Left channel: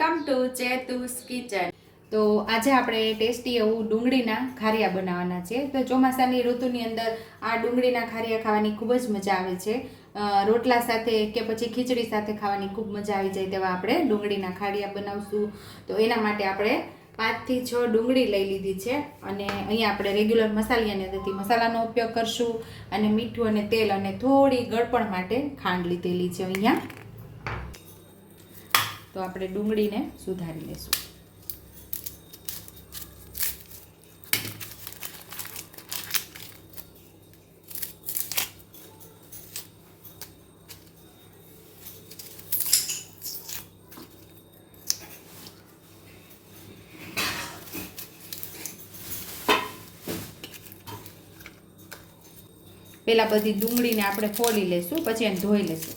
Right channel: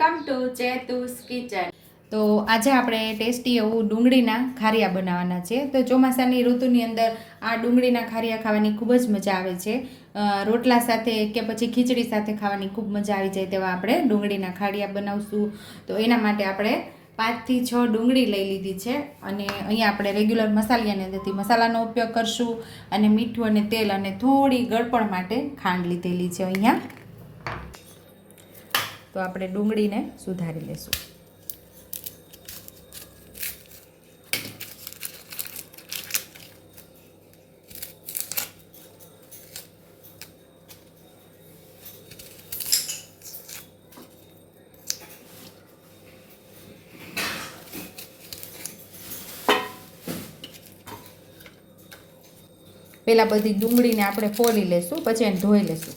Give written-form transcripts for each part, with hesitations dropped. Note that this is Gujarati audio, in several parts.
Welcome to ચેતુસ kitchen. તો આજે આપણે ટેસ્ટી એવું ડુંગળીના ખારિયા બનાવવાના છે। તો ચોમાસાની ઋતુની અંદર આ ડુંગળીના ખારિયા ખાવાની ખૂબ જ મજા આવે છે। રોટલા સાથે કે પછી ખીચડી સાથે ખાવાની ખૂબ મજા આવી જાય તેવા આપણે ડુંગળીના ખારિયા બનાવશું। તો એના માટે આપણે 5 થી 6 ડુંગળી લઈ લીધી છે અને અહીંયા આપણે રેગ્યુલર મસાલાની મસાલાનો ઉપયોગ કરશું અને મીઠું અને તેલ અને થોડી ગળપણ માટે ખાંડ લીધેલી છે અહીંયા। તો આપણે ડુંગળીને સુધારી લેશું। પહેલા બધી ડુંગળીને આપણે ફોલી લેશું, પછી એને ધોઈ લેશું।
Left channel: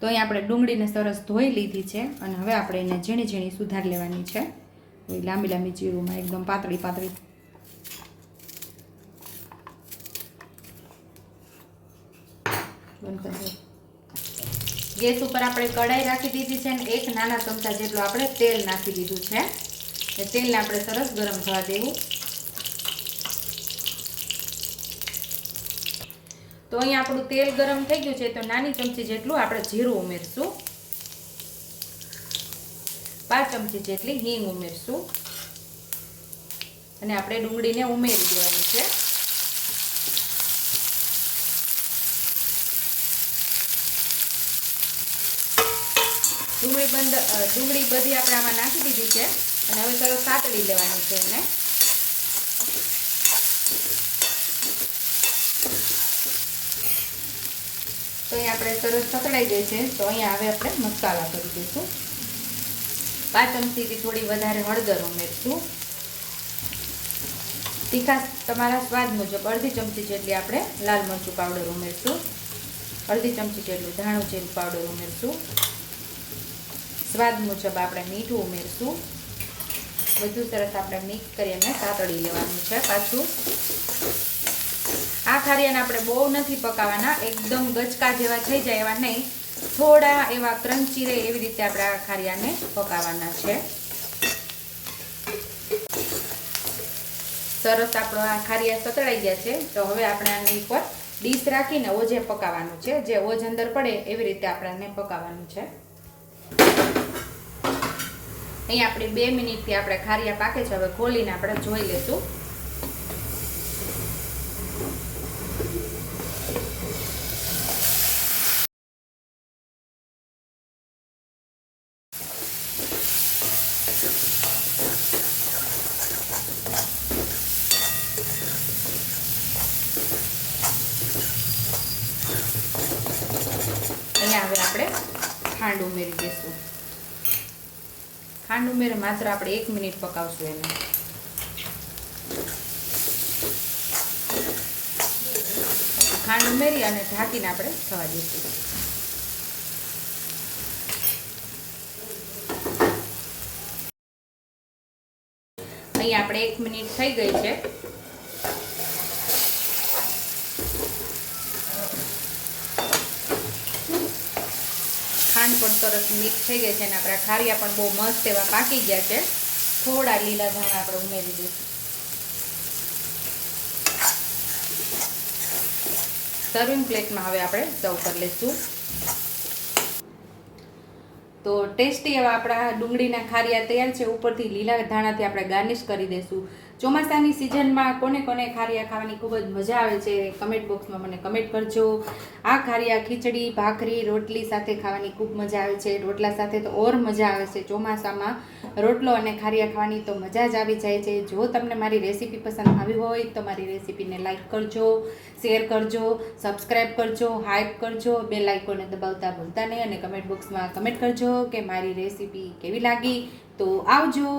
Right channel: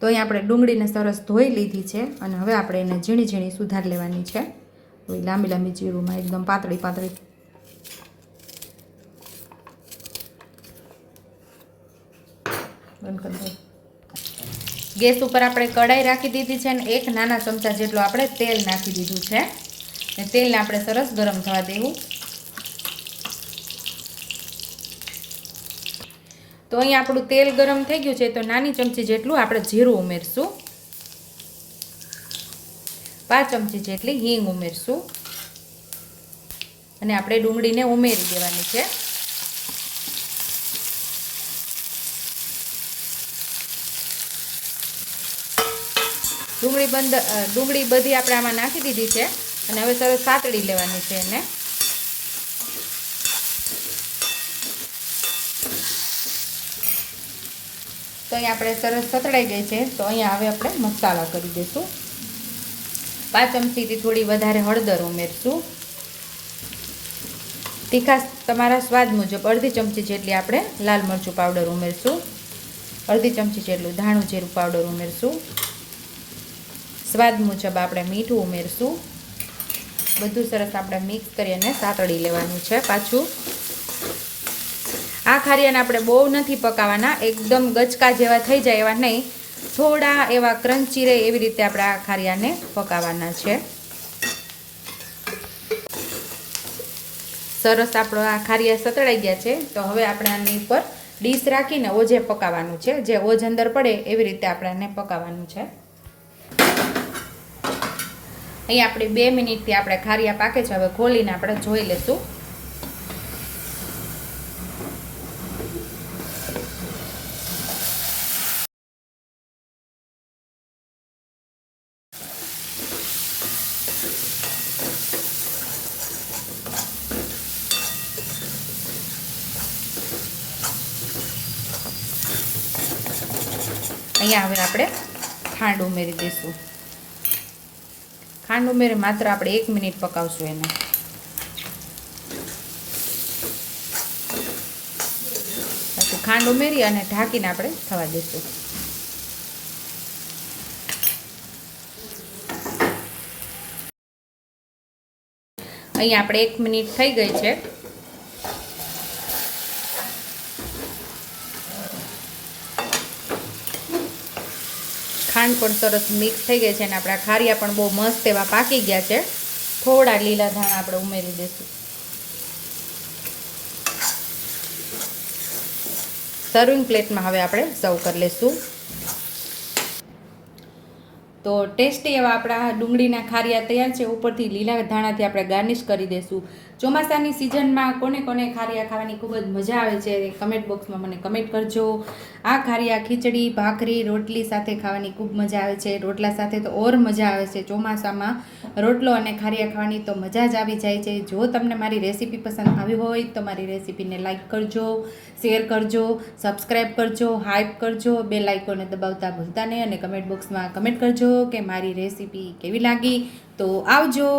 તો અહીં આપણે ડુંગળીને સરસ ધોઈ લીધી છે અને હવે આપણે એને ઝીણી ઝીણી સુધારી લેવાની છે। લાંબી લાંબી ચીરુંમાં એકદમ પાતળી પાતળી। ગેસ ઉપર આપણે કઢાઈ રાખી દીધી છે અને 1 નાના ચમચા જેટલું આપણે તેલ નાખી દીધું છે અને તેલને આપણે સરસ ગરમ થવા દેવું। તો અહીંયા આપણું તેલ ગરમ થઈ ગયું છે, તો નાની ચમચી જેટલું આપણે જીરું ઉમેરશું, 5 ચમચી જેટલી હિંગ ઉમેરશું અને આપણે ડુંગળીને ઉમેરી દેવાની છે। ડુંગળી બધી આપણે આમાં નાખી દીધી છે અને હવે સરસ સાતળી લેવાની છે એને। તો અહીંયા આપણે સરસ સતળાઈ ગઈ છે, તો અહીંયા હવે આપણે મસાલા કરી દઈશું। 5 ચમચીથી થોડી વધારે હળદર ઉમેરશું, તીખાશ તમારા સ્વાદ મુજબ અડધી ચમચી જેટલી આપણે લાલ મરચું પાવડર ઉમેરશું, અડધી ચમચી જેટલું ધાણું જીરું પાવડર ઉમેરશું, સ્વાદ મુજબ આપણે મીઠું ઉમેરશું। બધું સરસ આપણે મિક્સ કરી અને સાતળી લેવાનું છે પાછું। આ ખારિયાને આપણે બહુ નથી પકાવવાના, એકદમ ગચકા જેવા થઈ જાય એવા નહીં, થોડા એવા ક્રન્ચી રહે એવી રીતે આપણે આ ખારિયાને પકાવવાના છે। સરસ આપણો આ ખારિયા સતળાઈ ગયા છે, તો હવે આપણે આની ઉપર ડીશ રાખીને ઓજે પકાવવાનું છે, જે ઓજ અંદર પડે એવી રીતે આપણે આને પકાવવાનું છે। અહીંયા આપણે 2 મિનિટથી આપણે ખારિયા પાકે છે, હવે ખોલીને આપણે જોઈ લેશું। અહીંયા હવે આપણે ખાંડ ઉમેરી દઈશું। ખાંડ ઉમેરી માત્ર આપણે 1 મિનિટ પકાવશું એને। પછી ખાંડ ઉમેરી અને ઢાંકીને આપણે થવા દઈશું। અહીંયા આપણે 1 મિનિટ થઈ ગઈ છે। ખાંડ પણ સરસ મિક્સ થઈ ગઈ છે અને આપણા ખારિયા પણ બહુ મસ્ત એવા પાકી ગયા છે। થોડા લીલા ધાણા આપણે ઉમેરી દઈશું। સર્વિંગ પ્લેટમાં હવે આપણે સર્વ કરી લઈશું। તો ટેસ્ટી એવા આપણા ડુંગળીના ખારિયા તૈયાર છે। ઉપરથી લીલા ધાણાથી આપણે ગાર્નિશ કરી દઈશું। ચોમાસાની સિઝનમાં કોને કોને ખારિયા ખાવાની ખૂબ જ મજા આવે છે, કમેન્ટ બોક્સમાં મને કમેન્ટ કરજો। આ ખારિયા ખીચડી, ભાખરી, રોટલી સાથે ખાવાની ખૂબ મજા આવે છે। રોટલા સાથે તો ઓર મજા આવે છે। ચોમાસામાં રોટલો અને ખારિયા ખાવાની તો મજા જ આવી જાય છે। જો તમને મારી રેસીપી પસંદ આવી હોય તો મારી રેસીપીને લાઇક કરજો, શેર કરજો, સબસ્ક્રાઈબ કરજો, હાઈપ કરજો, બેલ આઇકોનને દબાવતા ભૂલતા નહીં અને કમેન્ટ બોક્સમાં કમેન્ટ કરજો કે મારી રેસીપી કેવી લાગી। તો આવજો।